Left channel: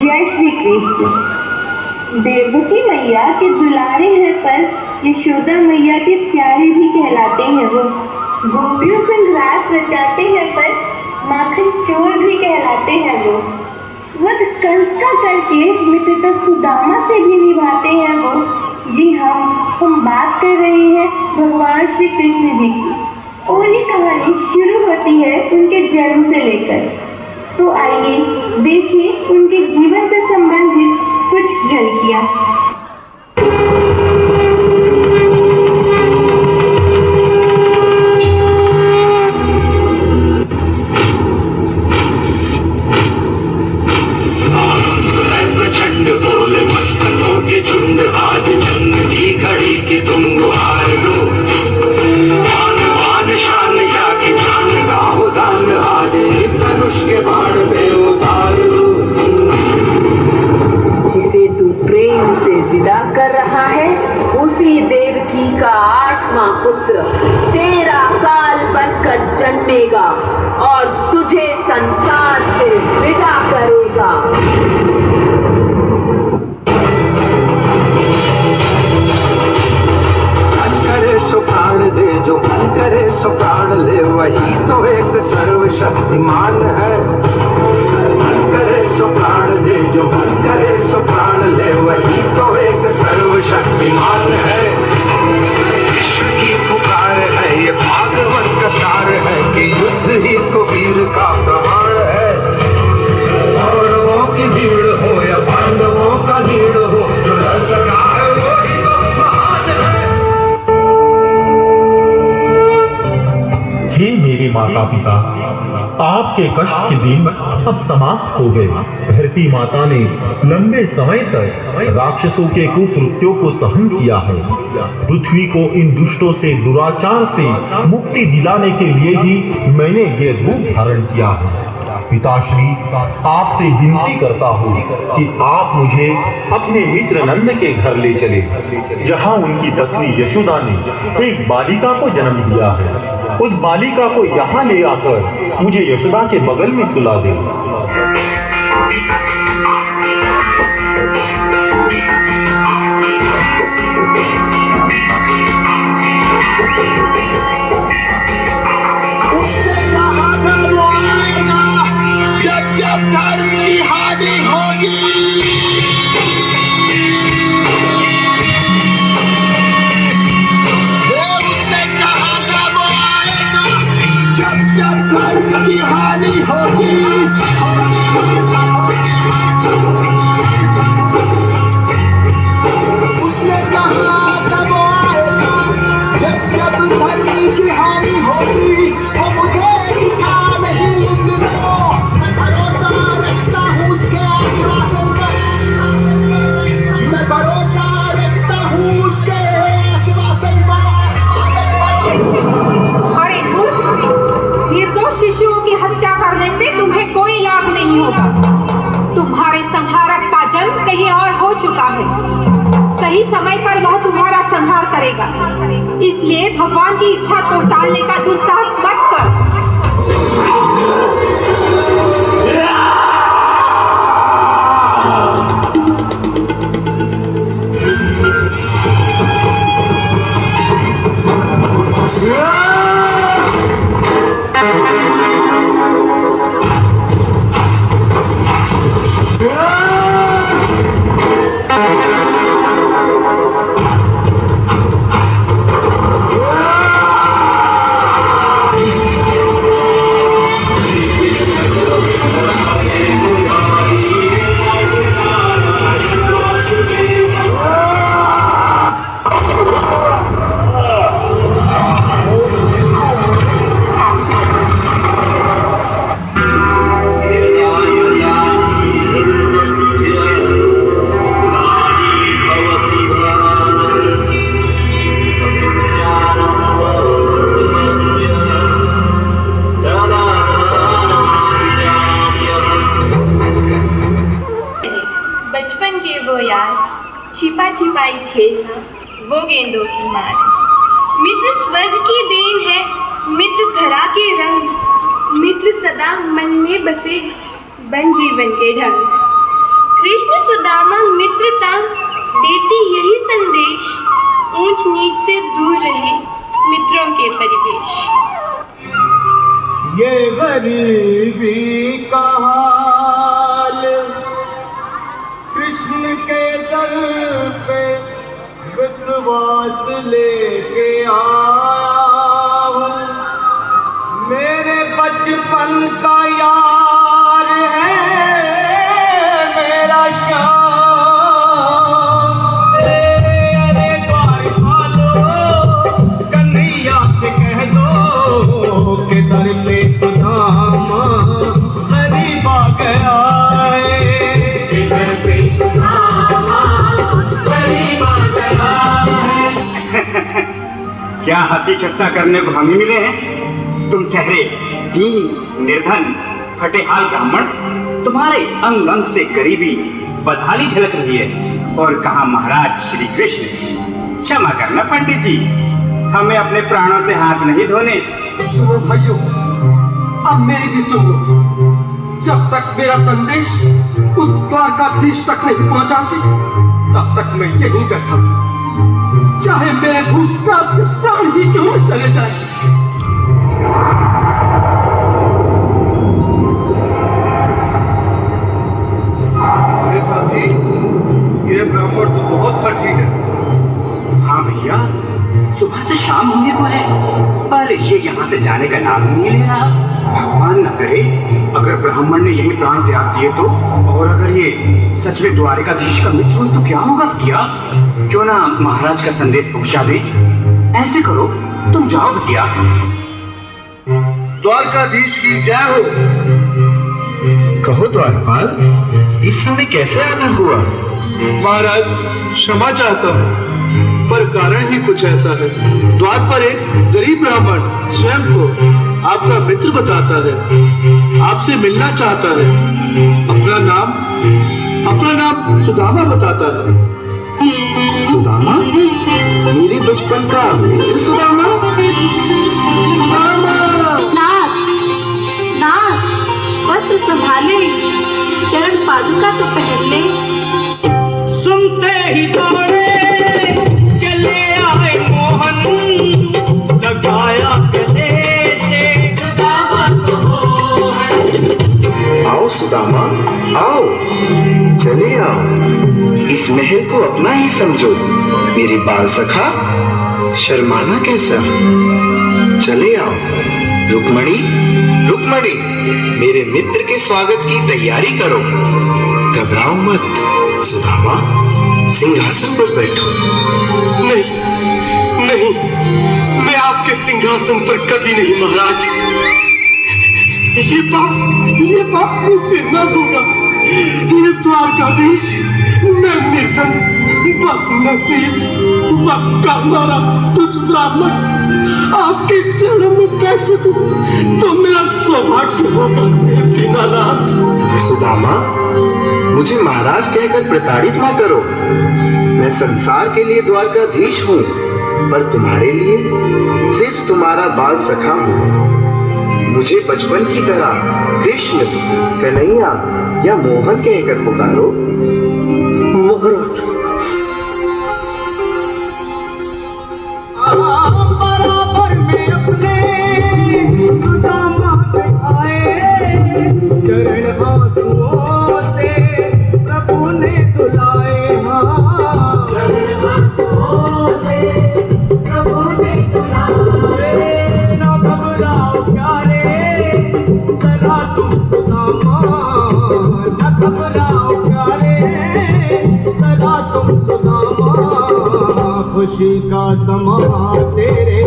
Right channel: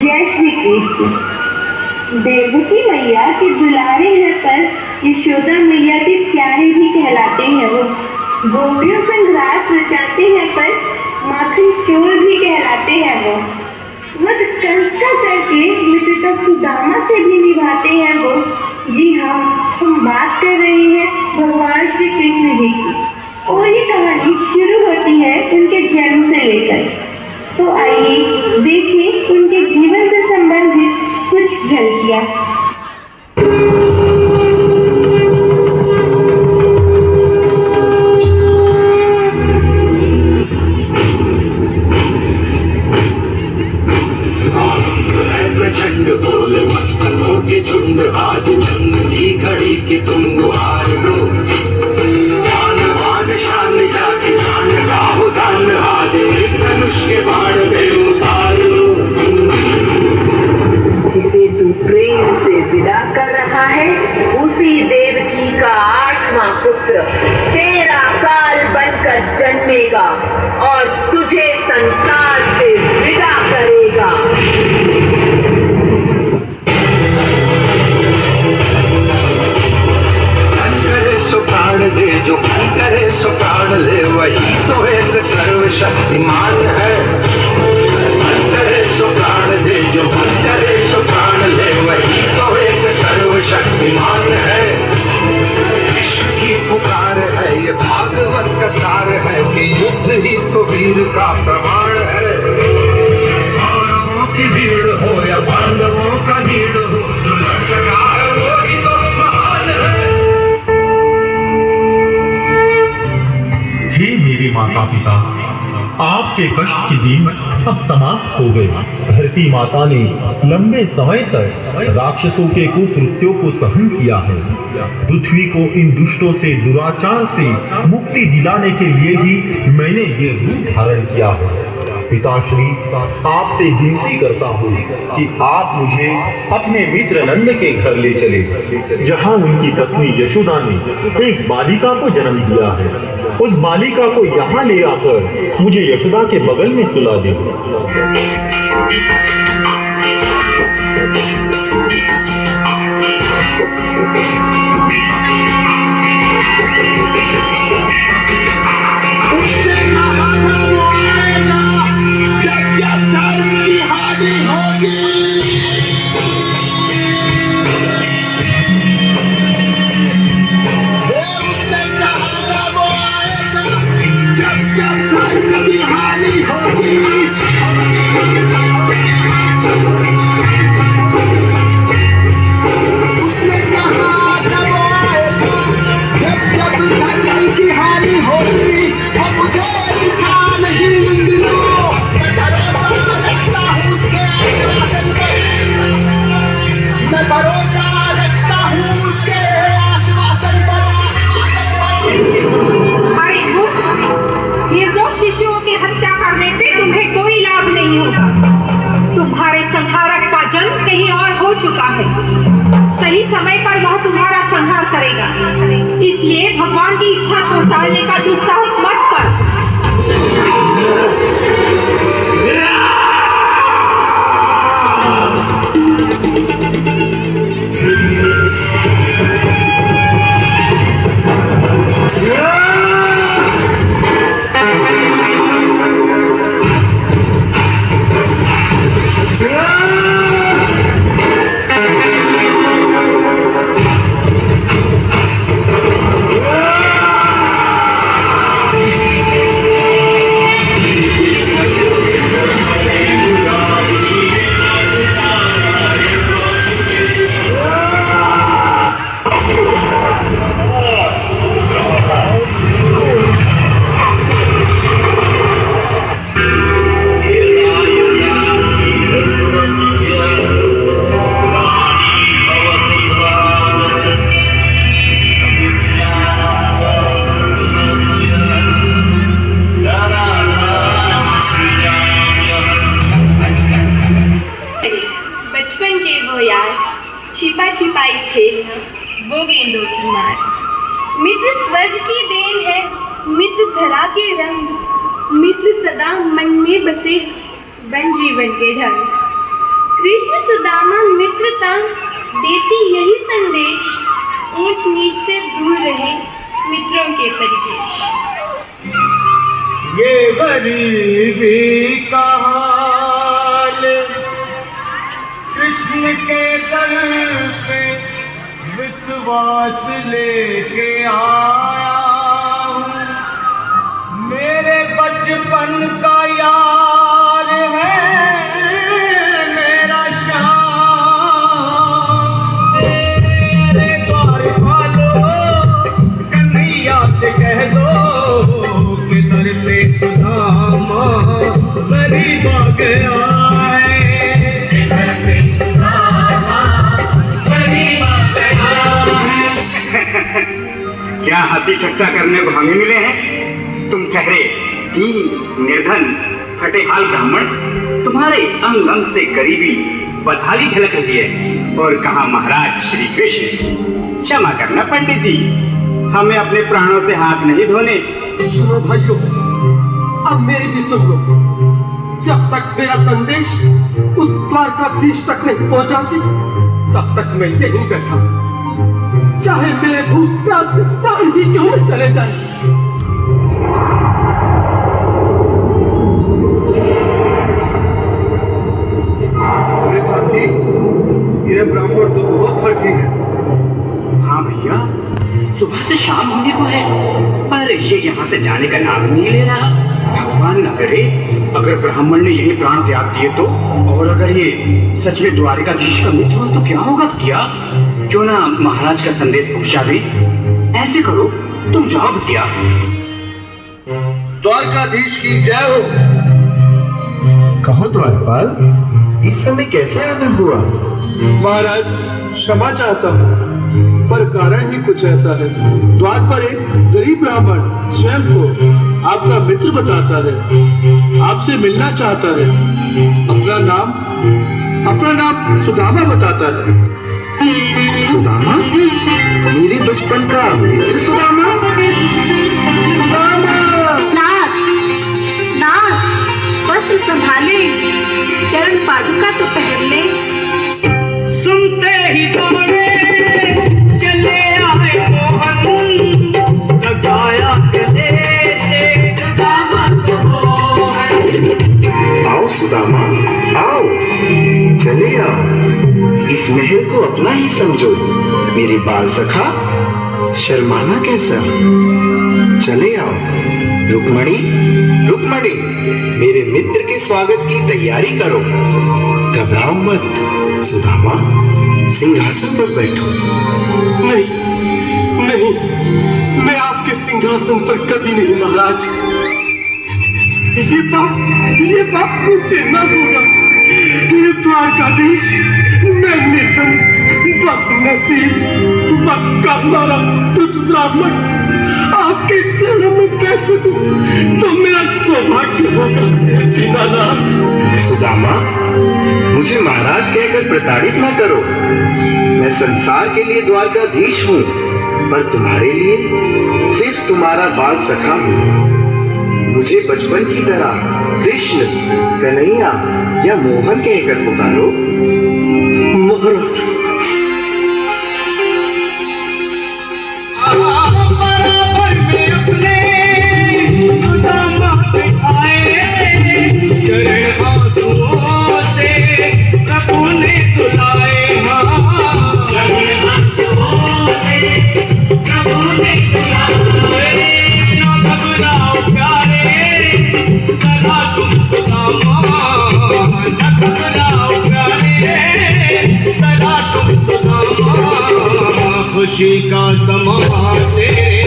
जय श्री कृष्ण। देवकी मैया के दुलारे हैं पर यशोदा मैया के प्यारे भी कहलाते हैं वो। गोपियों संग रास रचाते हैं पर माखन चोर भी कहलाते हैं वो। वध कंस का करके मित्रता सुदामा से भी निभाते हैं वो। जी हाँ, हम बात कर रहे हैं भगवान श्री कृष्ण जी की। और ये कहानी शुरू होती है उनके जन्म से लेकर। तो आइए देखिए उनके जीवन से संबंधित कुछ झलकियां। प्रचंड बोले मस्तकों के झुंड, आज जंग की घड़ी की तुम गुहार दो। वान शान जाके जान गाओ दान, आज मनुष्य बाण में उतार दो। जिसे तू प्रेम से विदा कर रहा है, उसी देवकी का 8वां पुत्र तेरा काल बनकर जन्मेगा और तुझे संसार से विदा करेगा। दे जो करे सो प्राण ले, वही तो एक सर्वशक्तिमान है। करे सो प्राण दे जो करे सो प्राण ले, वही तो एक सर्वशक्तिमान है। विश्व की पुकार है ये भागवत का सार है कि युद्ध ही तो वीर का प्रमाण है। कौरवों की भीड़ हो या पांडवों का भीड़ हो, जो लड़ सका है वही तो महान है। हे मेरे माता पिता, आपके कष्ट के दिन अब समाप्त हो गए। धरती माता ने लंबे समय तक राक्षसों के कुकृत्यों को सहन किया है। पृथ्वी को इन दुष्टों से, दुराचार से मुक्ति दिलाने के लिए ही मैंने ये रूप धारण किया है। पिताश्री, आपसे विनती करता हूँ कि आप मुझे अपने मित्र नंद के घर ले चले, जहाँ उनकी पत्नी यशोदा ने एक बालिका को जन्म दिया है। उस बालिका को यहाँ ले आकर मुझे यशोदा के बगल में सुला दे। जब धर्म की हानि होगी, उसने कहा था वो आएगा। जब धर्म की हानि होगी, उसने कहा था वो आएगा। जब धर्म की हानि होगी, मुझे सिखा नहीं इन दिनों। निर्दोष शिशुओं की हत्या करने से तुम्हें कोई लाभ नहीं होगा। तुम्हारे संहारक का जन्म कहीं और हो चुका है। सही समय पर वह तुम्हारा संहार करेगा। इसलिए भगवान की इच्छा को टालने का दुस्साहस मत कर। छिपा छिपाई खेलना, वो गेंदों की मार। मित्र स्वर्ग की देन है, मित्र धरा के रंग, मित्र सदा मन में बसे बन जीवन के ढंग। कृष्ण सुदामा मित्रता देती यही संदेश, ऊंच नीच से दूर रहे मित्रों के परिवेश। ये गरीबी का हाल कृष्ण के दर पे विश्वास लेके आया हूँ। मेरे बचपन का यार है मेरा श्याम। अरे द्वार वालो कन्हैया से कह दो कि दर पे सुदामा गरीब आ गया है। दर पे सुदामा गरीब आ गया है। क्या हंसी ठट्टा करने को हम ही मिले हैं? तुम ठहरे दीन निर्धन फटेहाल ब्राह्मण, तुम्हारे अंग अंग से गरीबी बदहाली झलक रही है। और कहा महाराज श्री कृष्ण। क्षमा करना पंडित जी, हमें अपने प्राणों से हाथ नहीं धोने। सुनो भाइयों, अब मेरी भी सुन लो। जब तक मेरा संदेश उस द्वारकाधीश तक नहीं पहुंचाती, तब तक मैं यहीं बैठा हूं। चाहे मेरे भूत प्यास से प्राण ही क्यों न चले जाए। अरे साथी, ये ब्राह्मण तो बहुत हठी है। हाँ भैया, सुबह से शाम होने को है, पर ये यहाँ से जाने का नाम ही नहीं ले रहा। भगवान न करे अगर ब्राह्मण ने यही प्राण त्याग दिए तो, और अगर ये सच में द्वारकाधीश का मित्र हो तो क्या होगा भैया? क्यों ना महाराज का संदेश पहुंचा दे। ऐसे करो, तुम जाओ भैया। द्वारकाधीश की जय हो। कहो द्वारपाल, इस समय कैसे आना हुआ? महाराज क्षमा चाहता हूँ, पर कारण ही कुछ ऐसा है। द्वार पर एक गरीब ब्राह्मण स्वयं को आपका मित्र बताता है, आपसे मिलना चाहता है। अपना नाम सुदामा बताता है। सुदामा? मेरे बचपन का मित्र सुदामा? सुदामा! नाथ, वस्त्र संभाले, चरण पादुका तो पहन ले। सुनते ही दौड़े चले आए मोहन, लगाया गले से सुदामा को मोहन। आओ सुदामा, आओ, चले आओ। इस महल को अपना ही समझो। मेरे बाल सखा, शर्माना कैसा? चले आओ। रुक्मणी, रुक्मणी, मेरे मित्र के स्वागत की तैयारी करो। घबराओ मत। सुदामा, सिंहासन पर बैठो। नहीं नहीं, मैं आपके सिंहासन पर कभी नहीं महाराज। ये पाप मुझसे न होगा। द्वारकाधीश, मैं निर्धन बदनसीब बदकामारा तुझ ब्राह्मण आपके चरणों में बैठ सकूं तो मेरा सौभाग्य होगा। दीनानाथ। सुदामा, मुझे महाराज कहकर प्रताड़ित ना करो। मैं संसार के लिए द्वारकाधीश हूँ, पर तुम्हारे लिए सिर्फ तुम्हारा बाल सखा हूँ। मुझे बचपन की तरह कृष्ण, कन्हैया या मोहन कहकर पुकारो। बराबर में अपने सुदामा दिखाए, चरण आंसुओं से प्रभु ने धुलाए। चरण आंसुओं से प्रभु ने धुलाए। घबराओ प्यारे, सदा तुम सुदामा। घबराओ प्यारे, सदा तुम सुदामा। खुशी का समा तेरे